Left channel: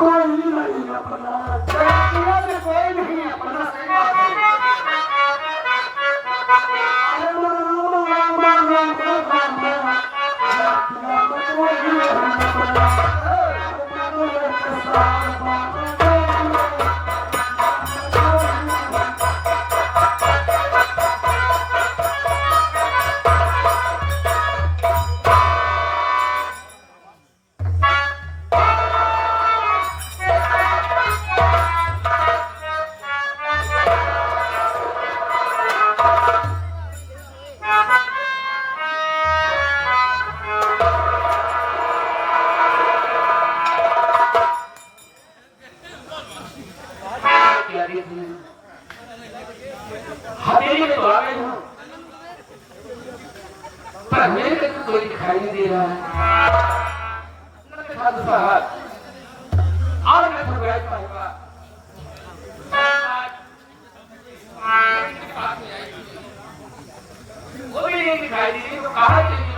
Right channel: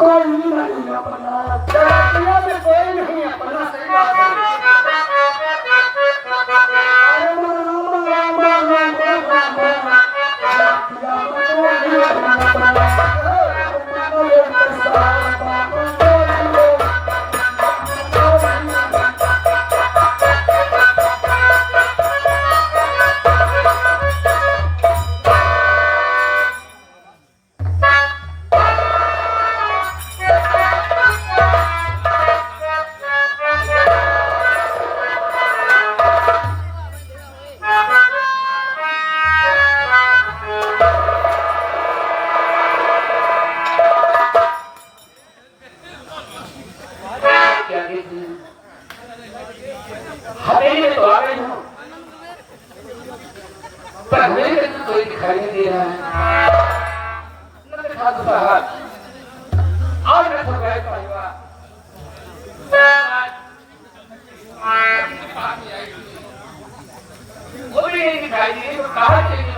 कोई नहीं अपना कोई नहीं अपना हवेली में तो आ गई हूँ पर मेरे को तो कोई दिखाई नहीं दे रहा है। लगता था दूसरा हाथ और मैं तो बैठ पाऊंगा वो भी नहीं दिखाई दी तो कहाँ चली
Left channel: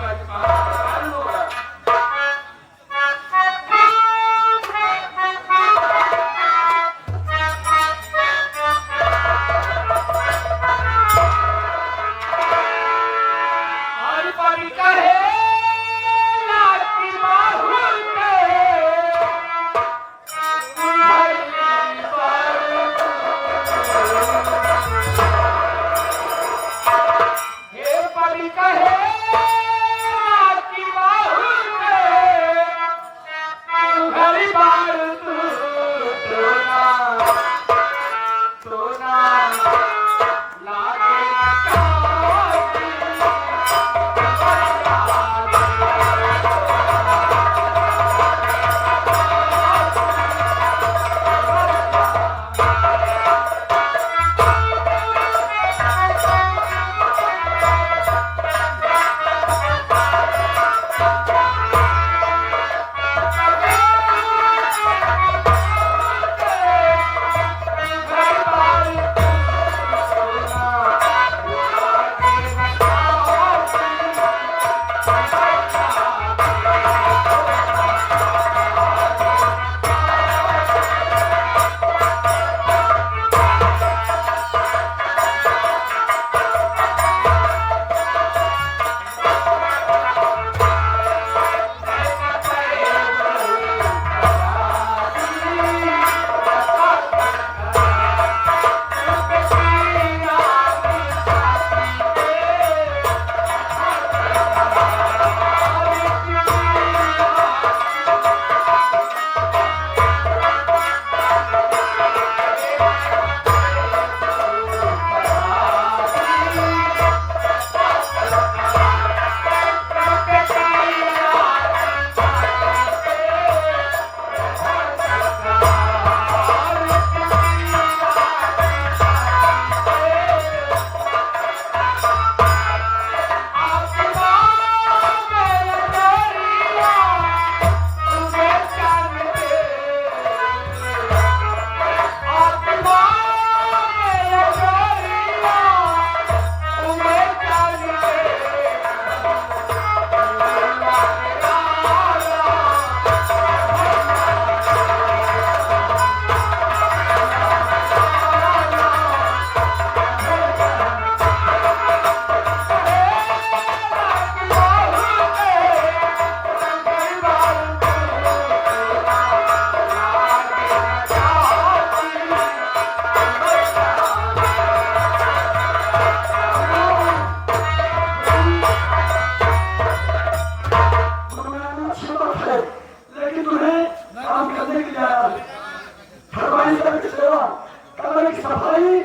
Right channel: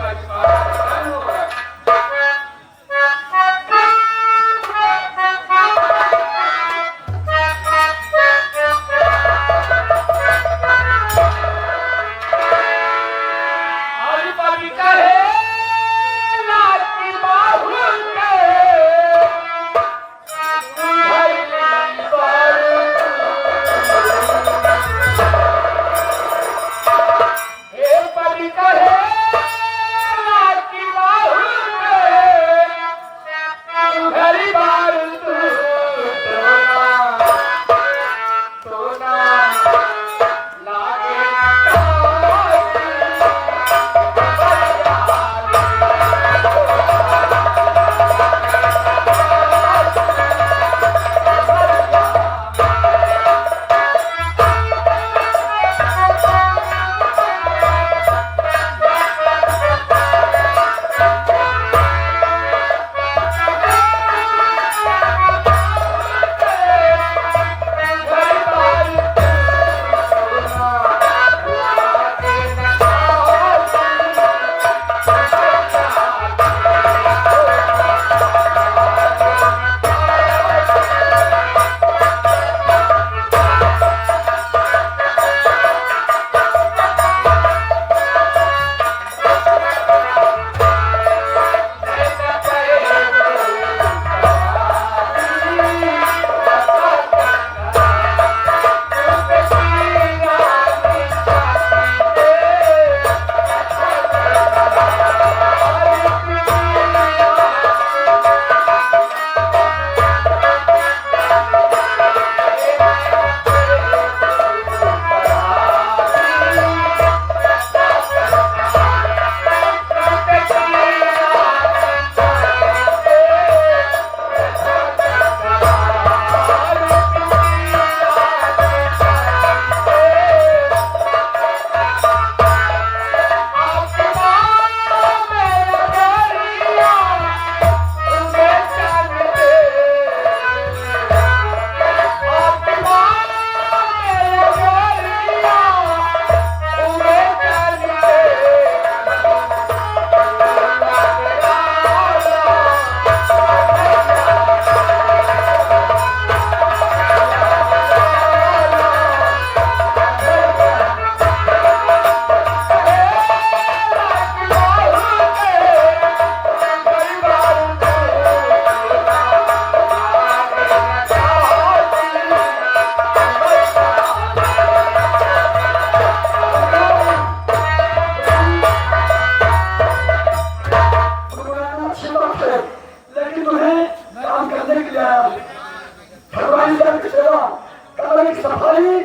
सफाई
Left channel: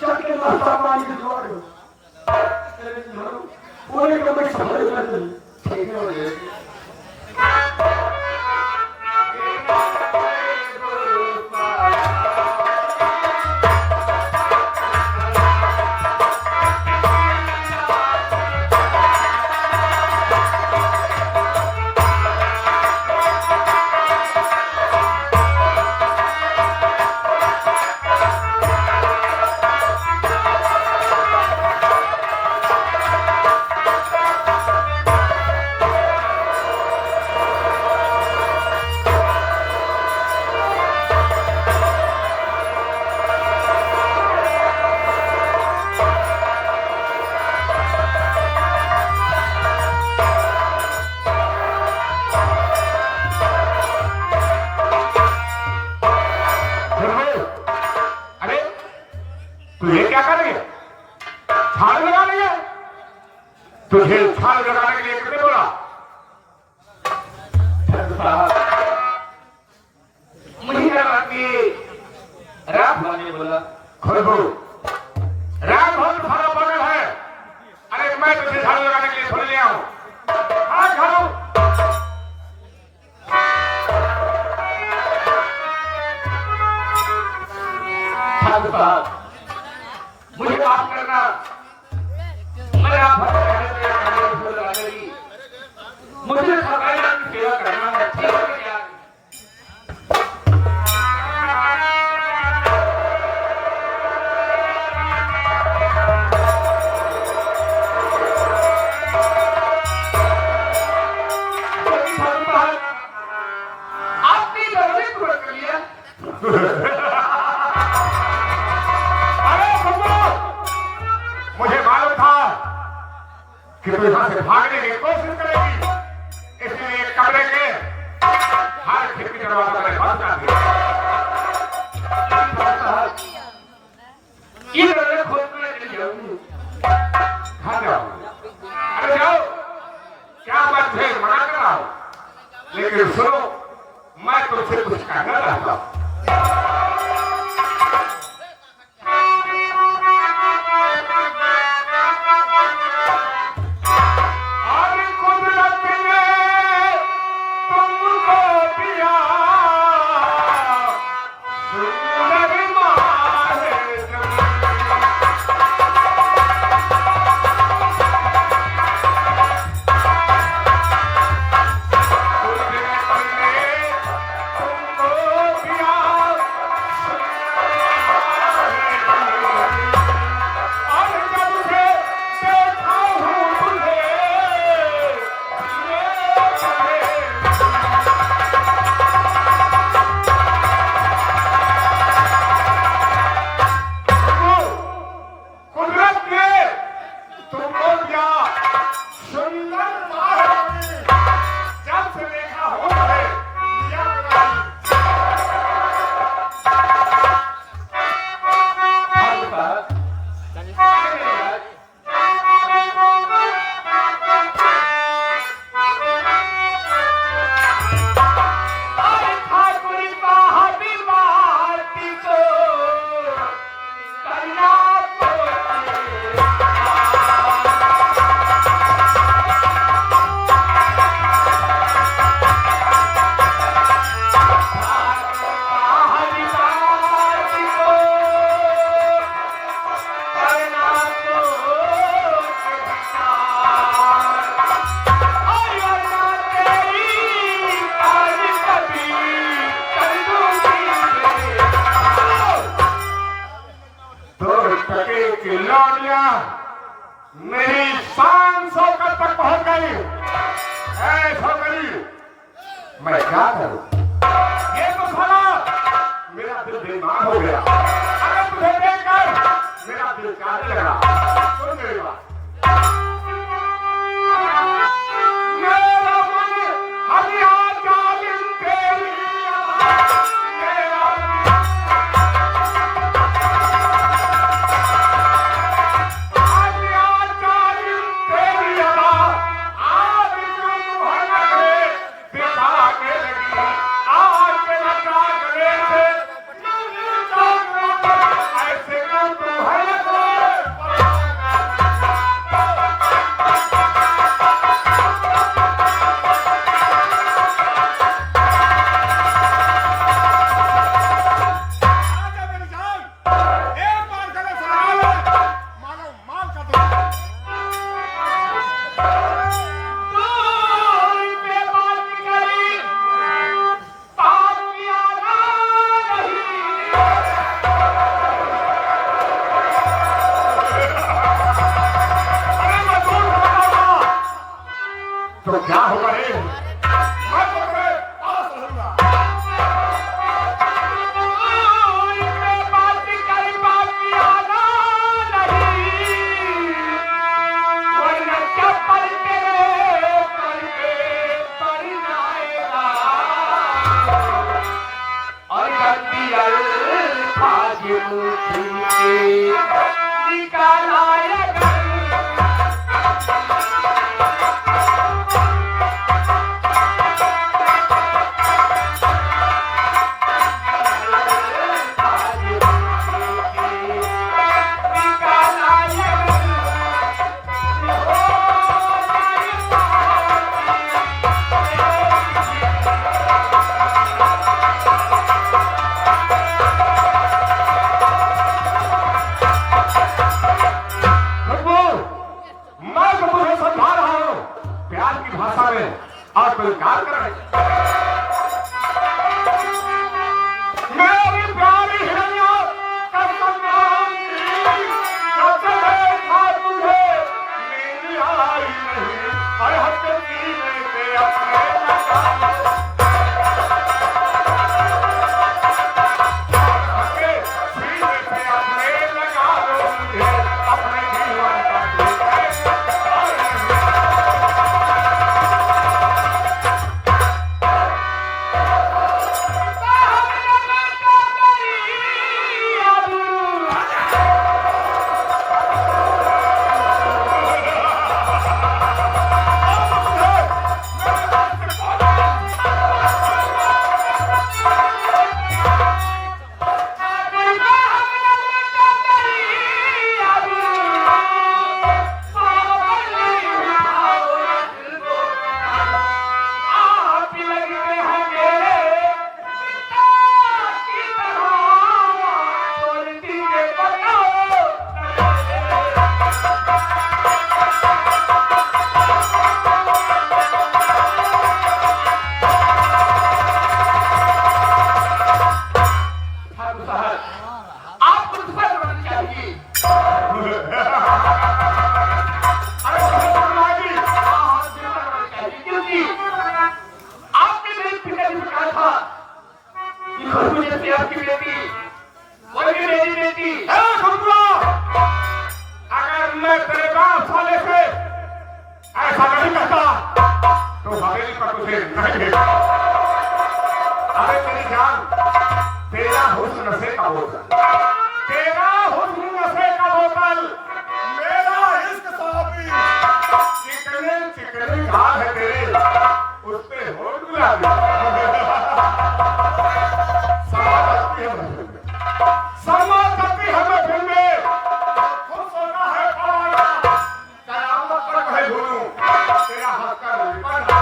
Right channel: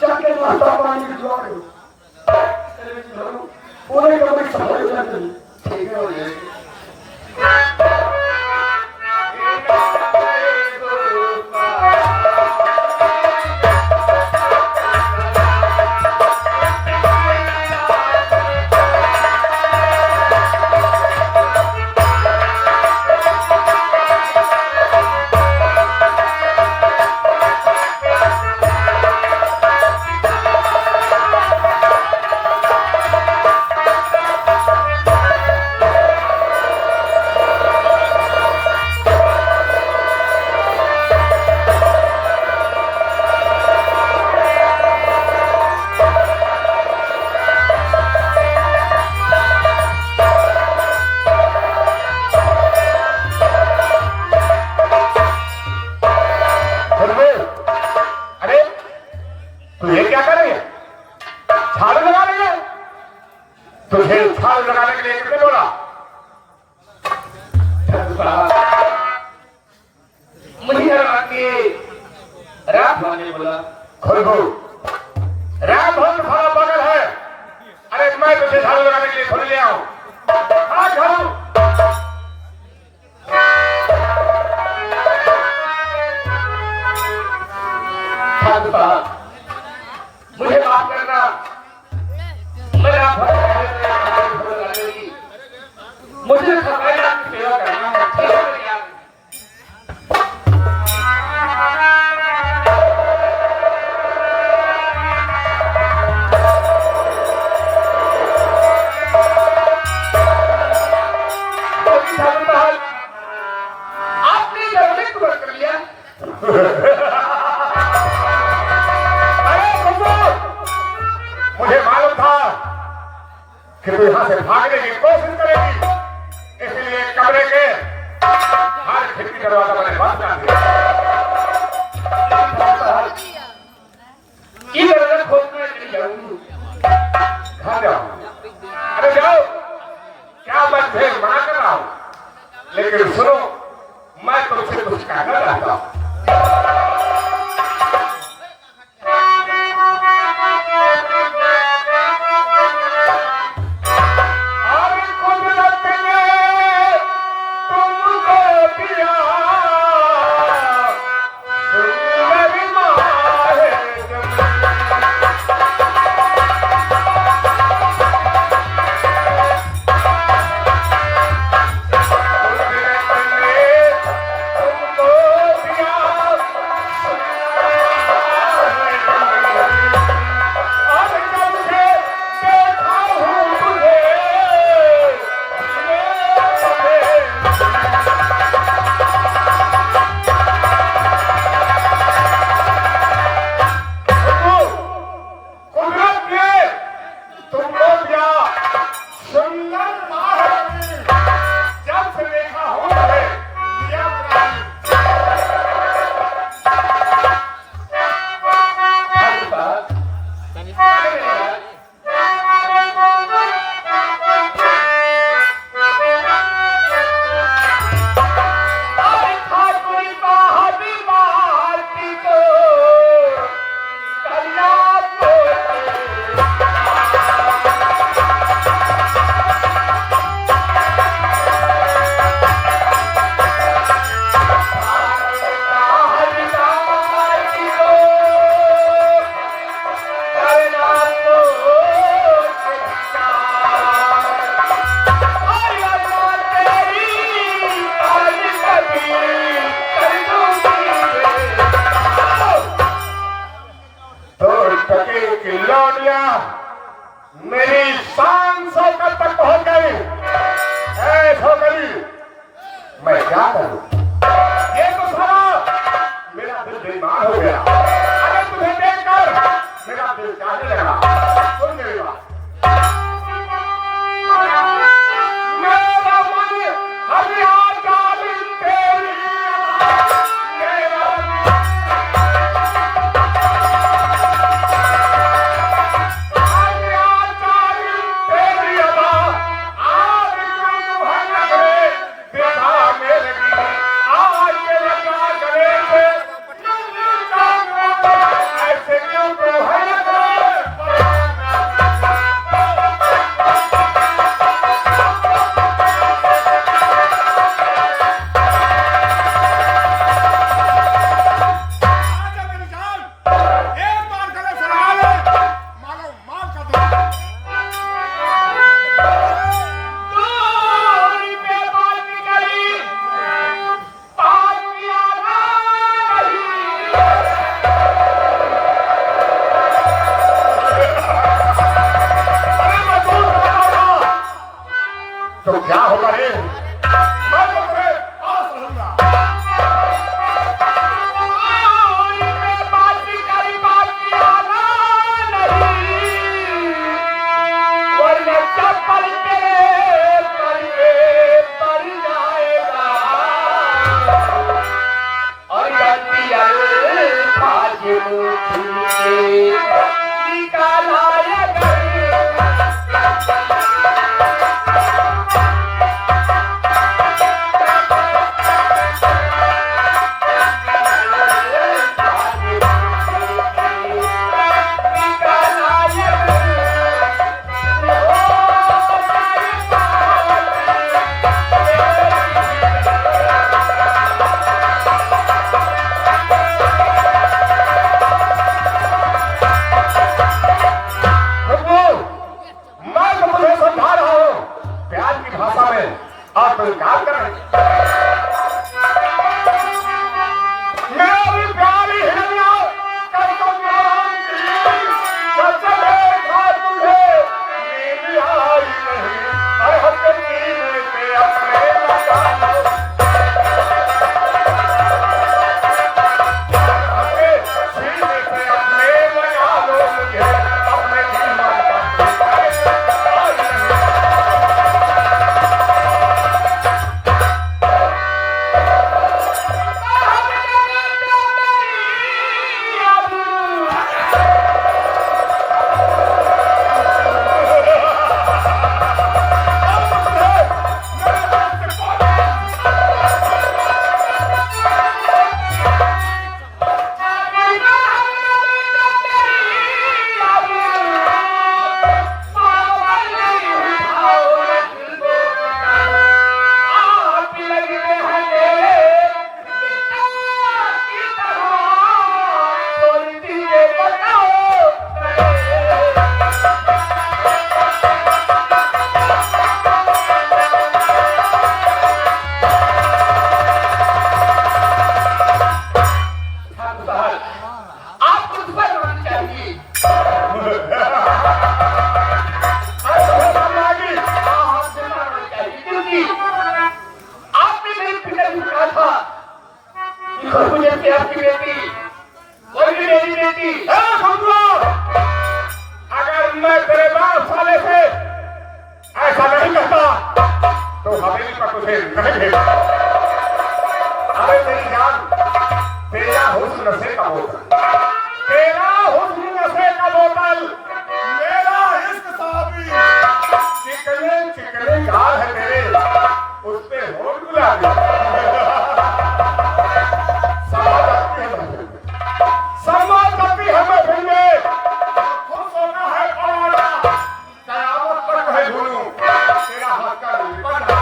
जाके नाश्ता पानी की दुआ करो पूरे कमरे सफाई हो जाती है ठीक है हो जाएगी। तुझे छाल लगाने के लिए किसने बोला? मुझे लगा कि राम ने बोला। राम बहुत बड़ा पागल है। अरे मैं तुझे छाल लगाने के लिए थोड़ी लिया हूं। हाँ घरों मुझे माफ करना, मेरा मुझे सफाया की सेवा करना है। आपने जरूर पूरा कर लिया। मुझे मालूम था कि तू यहां से भागने की कोशिश करेगी, इसलिए कमरे के हर खिड़की दरवाजा मैंने बंद कर दिया। इधर खोलने के लिए जाऊंगी। कहां जाऊंगा? अरे जाओ, क्या मैं तुझे मना कर रहा हूं? लेकिन सुनो, मैं तुझसे कुछ कहना चाहता हूं। मेरी शान शौकत तक पहुंच गई। ऐसा करी मैं क्या करूं? ये तो सारा मेरा दिल बेईमान हो गया। अगर तुझे देखकर मेरा दिल काटने लगा, सुन मेरी बात। मेरा मन हरिया जालिम तेरी मेरा तो क्या होगा रे? मैं तो तुम्हें पास रहूंगा। वरना चप्पल तेरे पर जाएगा और गलती आज निकाला की भाषा में और कोई काम करें। मेरी प्यारी हिरनिया कसम जब से देखा तुझे नींद आई नहीं और हफ्ते सीने पे अपने लगा आपकी बेटी वही मेरी बेटी है। अगर मैं तेरे बाप साले से ऐसा नहीं कहता तो हवेली पर तुझे नहीं भेजा। अरे मेरी जान, तेरा हुस्न नशे का बोतल, तेरा हुस्न नशे का बोतल, मेरा इश्क साबी, चिकने चिकने गाल है तेरे, उससे होठ गुलाबी। समाजती हमें भूले, खुद सोना है पराया, कयामत तक है भूलूं, तेरा हक का निपट।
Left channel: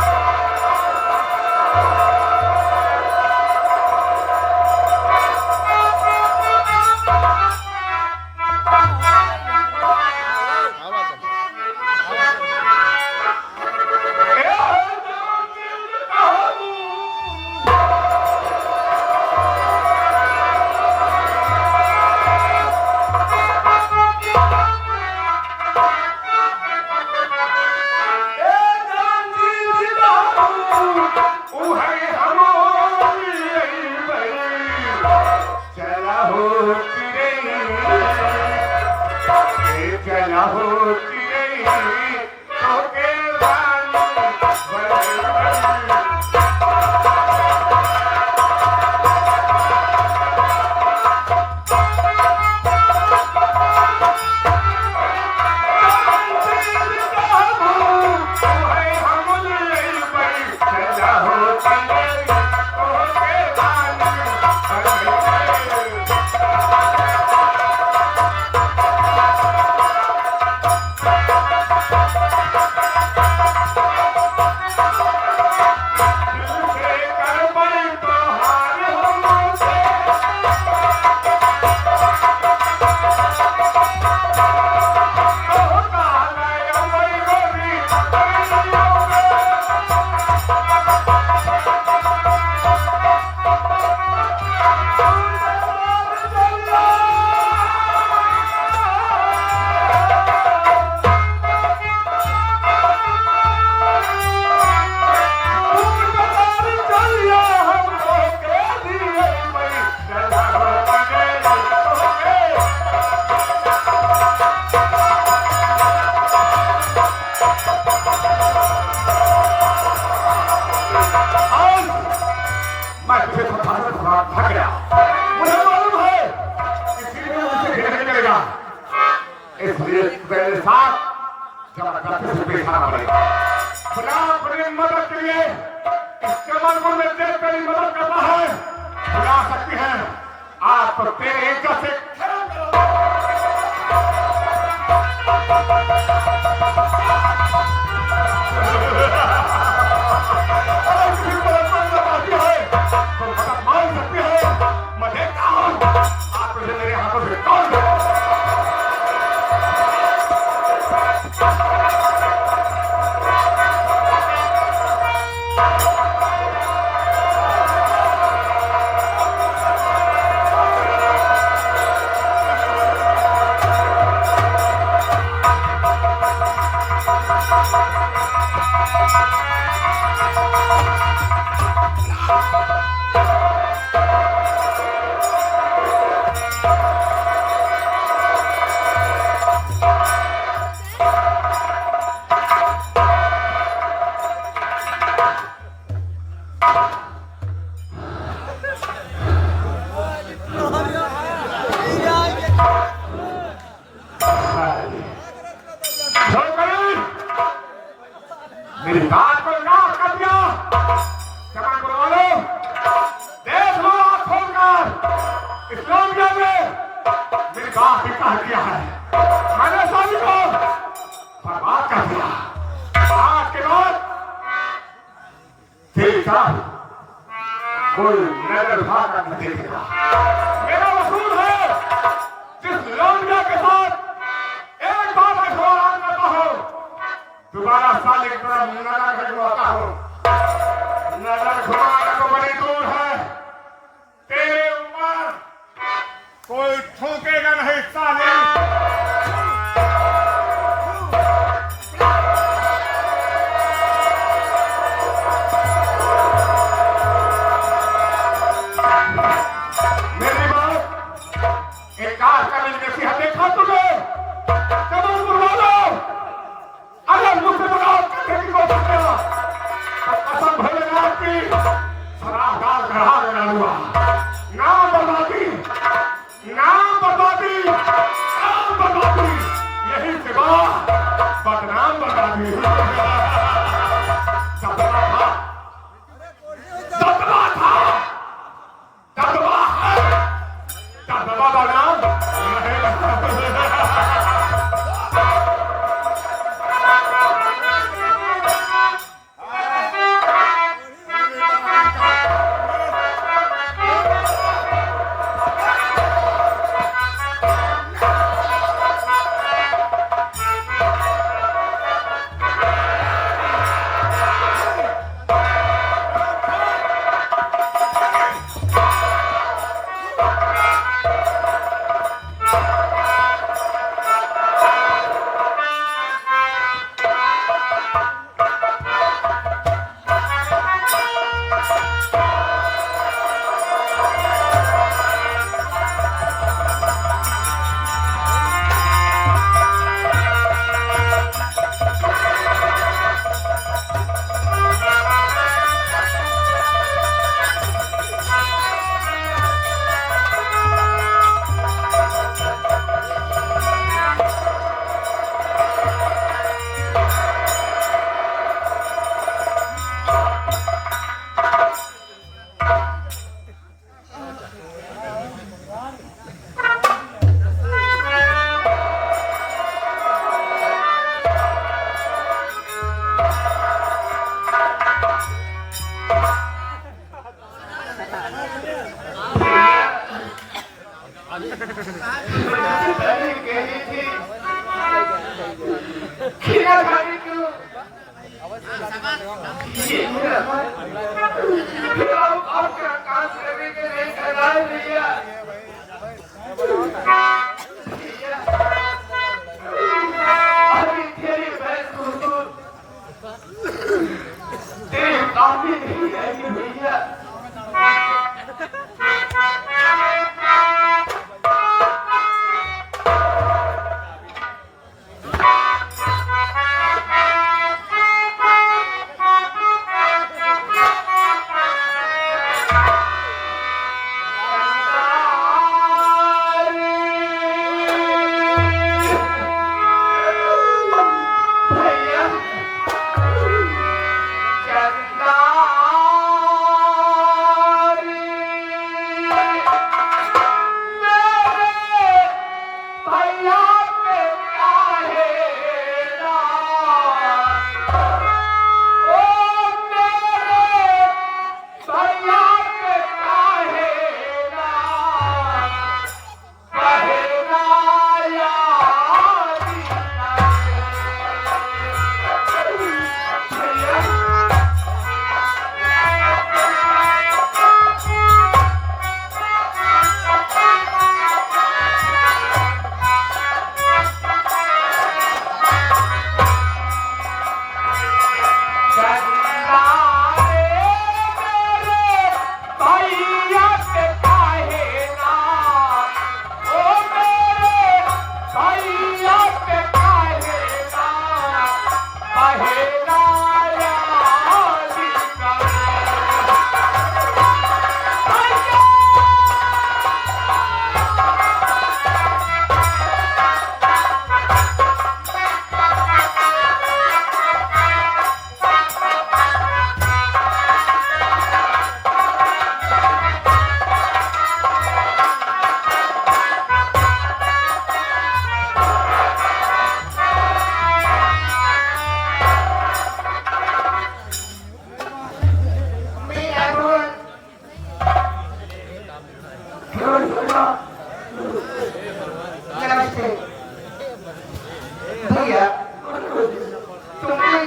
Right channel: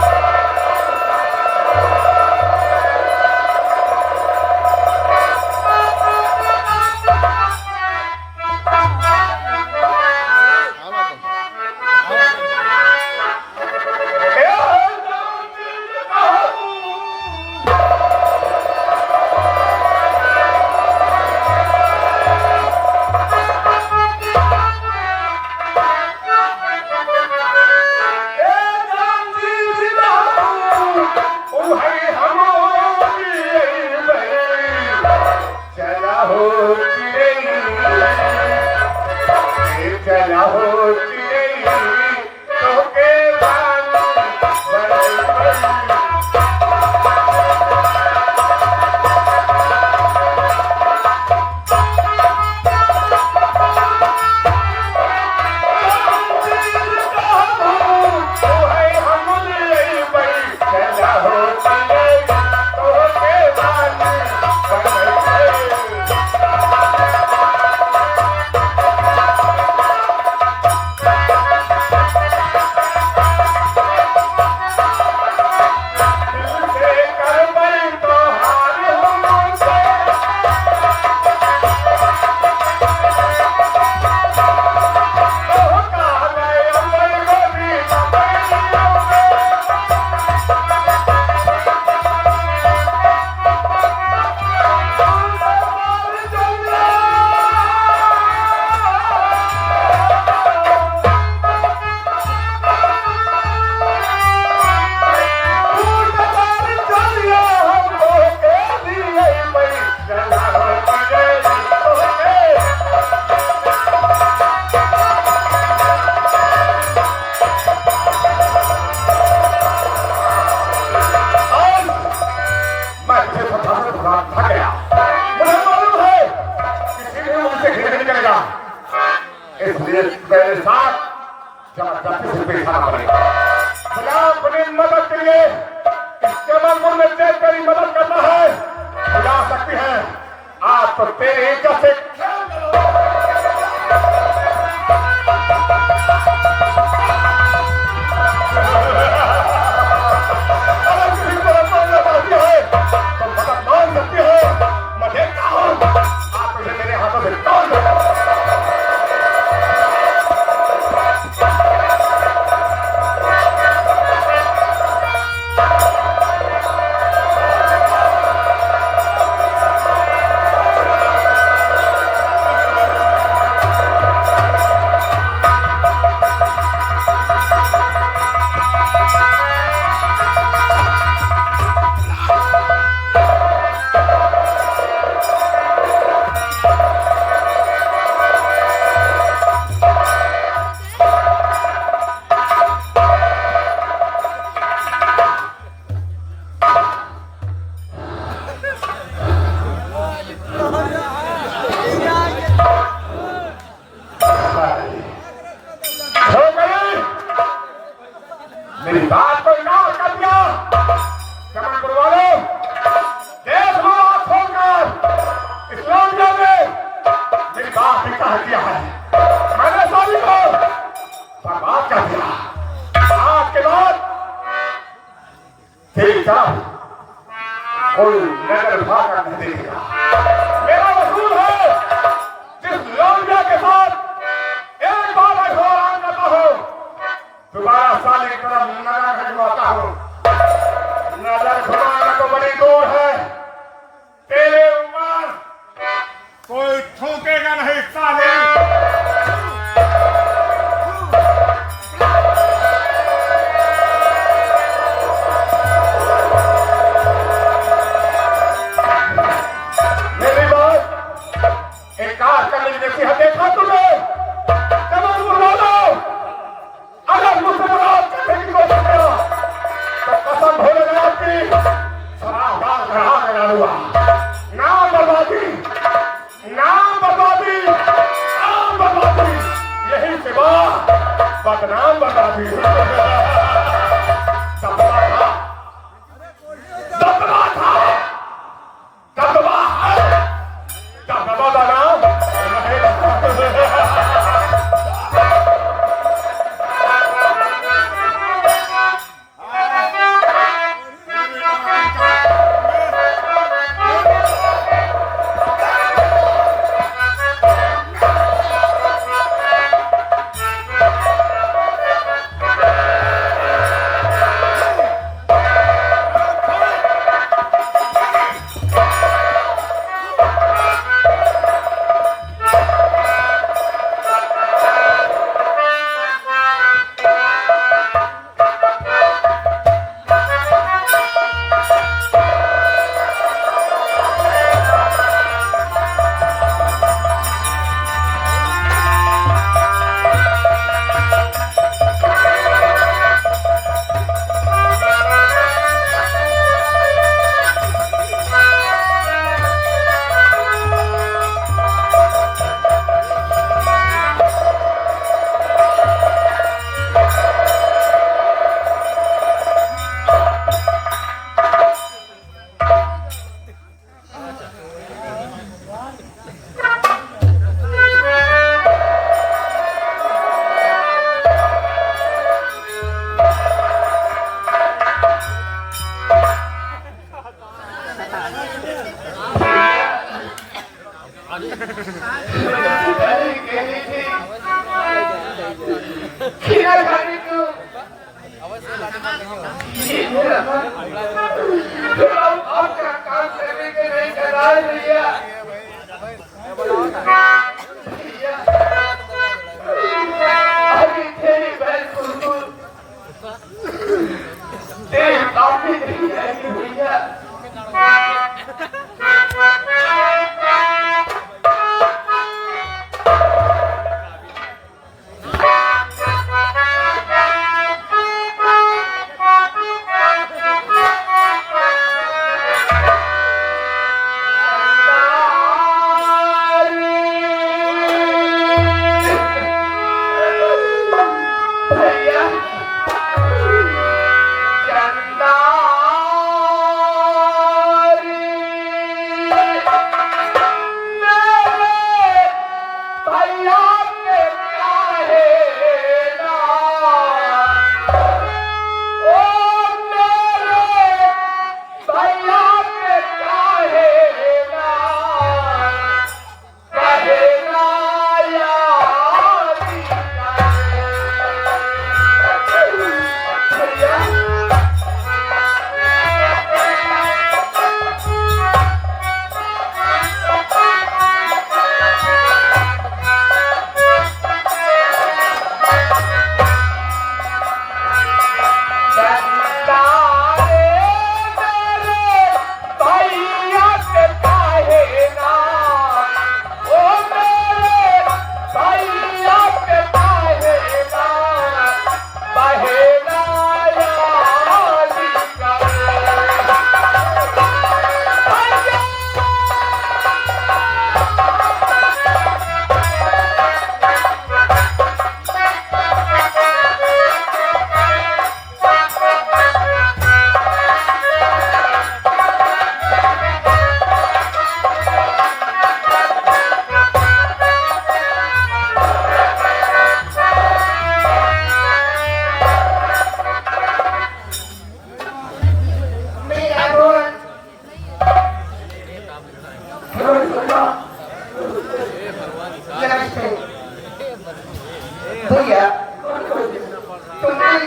मेरे साथ अपनी मदद के लिए इस्तेमाल में तेरी मदद करना है, बुला सकती हैं आप तो तेरे जैसे मान सकती है। मैं देखता हूँ आप मेरे हाथों से कौन मेरी बात को इग्नोर कर दिया। चमन गुरु वालों, देख लो आप खोलकर इस लौंडे में मेरी बात ने कह दिया है। मैंने सभी को बर्बाद कर दिया। आज के बाद तेरी तरफ कोई नजर भागा नहीं देगा। मेरा वसूल है जिस लौंडे के साथ एक बार मैं घोड़ा करता हूँ, दोबारा साले की तरफ नजर खजुआता हूँ। नजर घुमाना तो बड़ी दूर है, तेरे ऊपर कोई थूकेगा नहीं साले। मेरी बात एक काज करने की नसीहत देखा तुझे। जब अगर मुझसे बर्बाद करने की कोशिश किया तो कसम भोलेनाथ की शराबदार चढ़ा देना हुआ। नाम बर्बादी, नाम बर्बादी, नाम बर्बादी, यही सिवा बदनाम बर्बादी। दबला था, दबला था, दबला है, दबला बना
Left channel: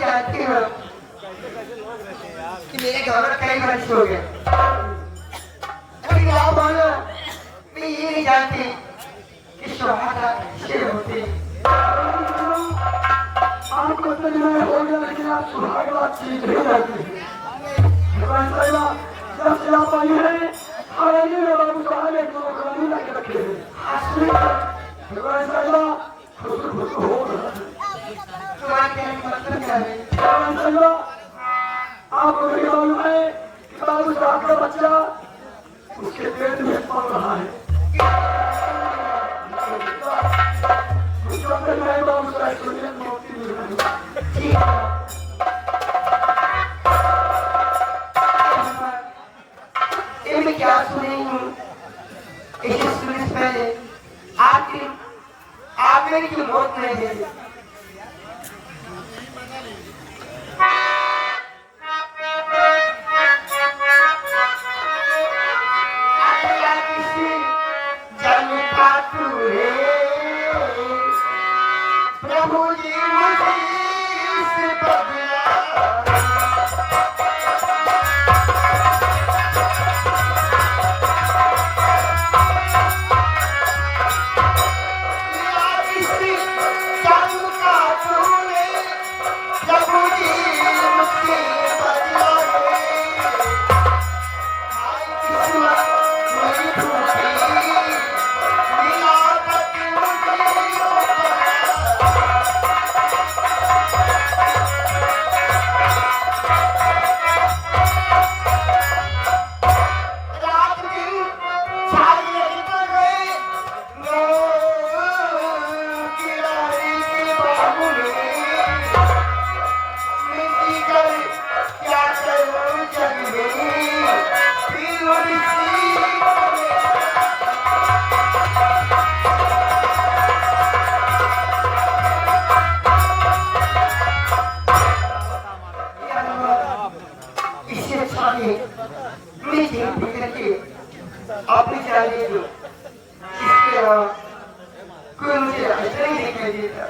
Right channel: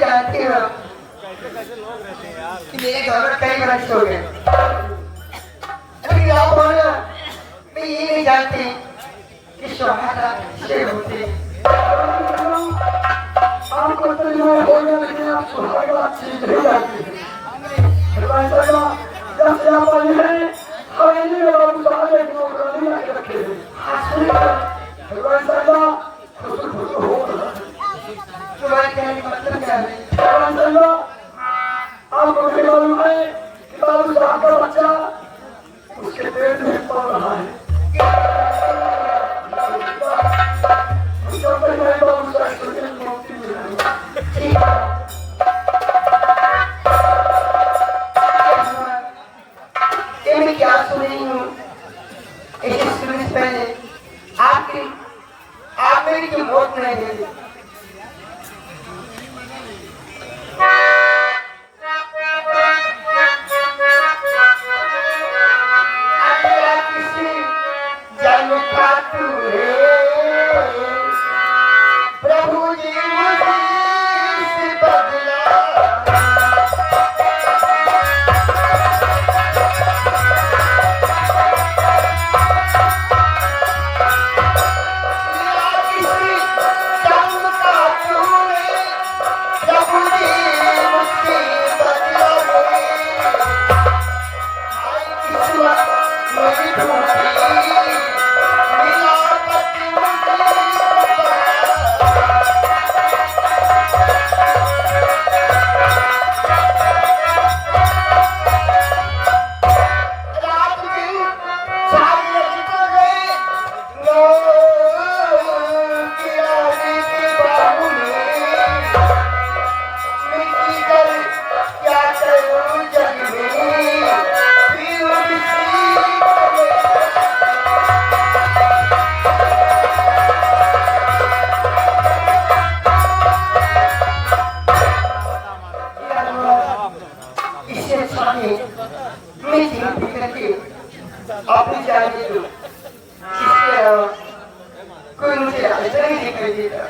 जानती हो कि मेरे घर में कई बच्चे हो गए, लेकिन आप बोलो मैं ये नहीं जानती कि सुहागा शेर होते। आपको तो नहीं हो गया, लेकिन आप सुहागरा चीज नहीं जानती है। जब से आप आई हैं, खाने में बाबू साहब एक नौकरानी लाके रखे हैं। खुद हो रहा है। तुम्हारे कहने का मतलब क्या है? आपको नहीं मालूम है कि बाबू साहब का बच्चा उसके पेट में पड़ रहा है। जब तक नहीं बाबू साहब को एक नौकरी मिला है। मैं क्या सुनी हूँ? इसे सुनने से पहले आपने की मौत नहीं दे दी। प्रभु जी मुझे से बदला अपनी जाने दो, इसके अलावा कोई मुझे ऐसा नहीं दिखाई देता।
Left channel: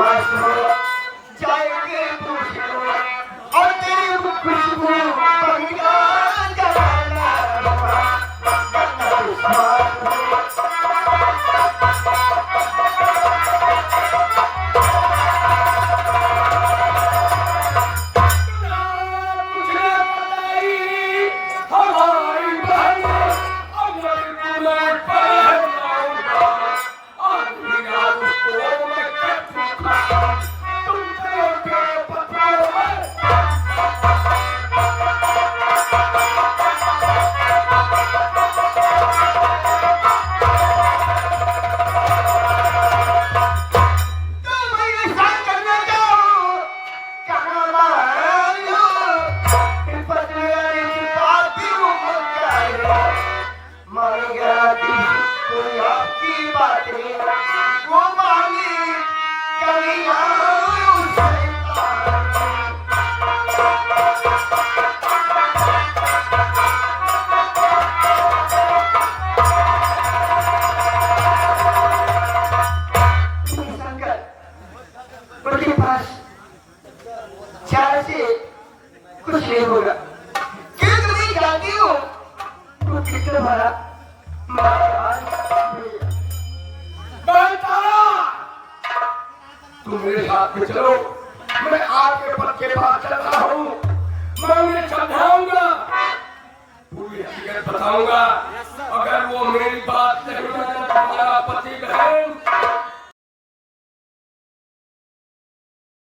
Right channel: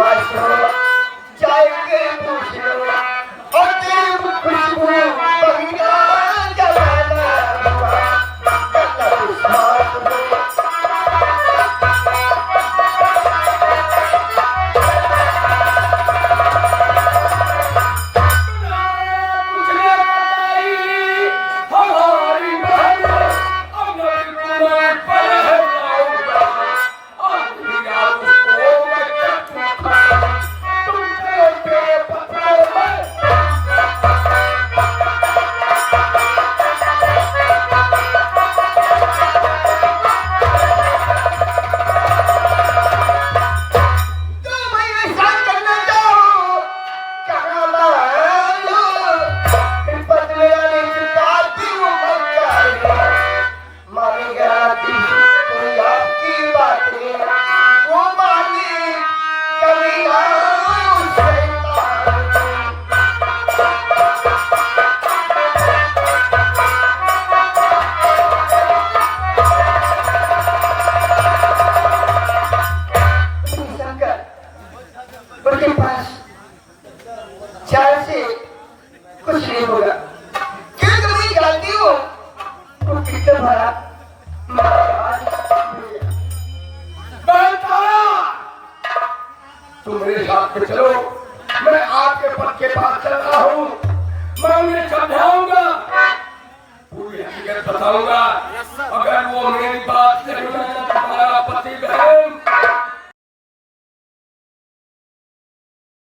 विश्वास करो, जाएंगे पूछ लो, और तेरी खुशबू बगिया जलाना होगा, अपना विश्वास करो। उनके पास चार से कुछ नहीं होगा, क्योंकि मैं जानती हूँ वो कितना बड़ा तुम मेरे साथ में चलो, मैं आपके पद के पास चल रहा हूँ, मैं उन्हें समझाऊंगा, पूरी हकीकत बताऊंगा। अगर वो मेरी बात नहीं माने तो हमारा पति बहन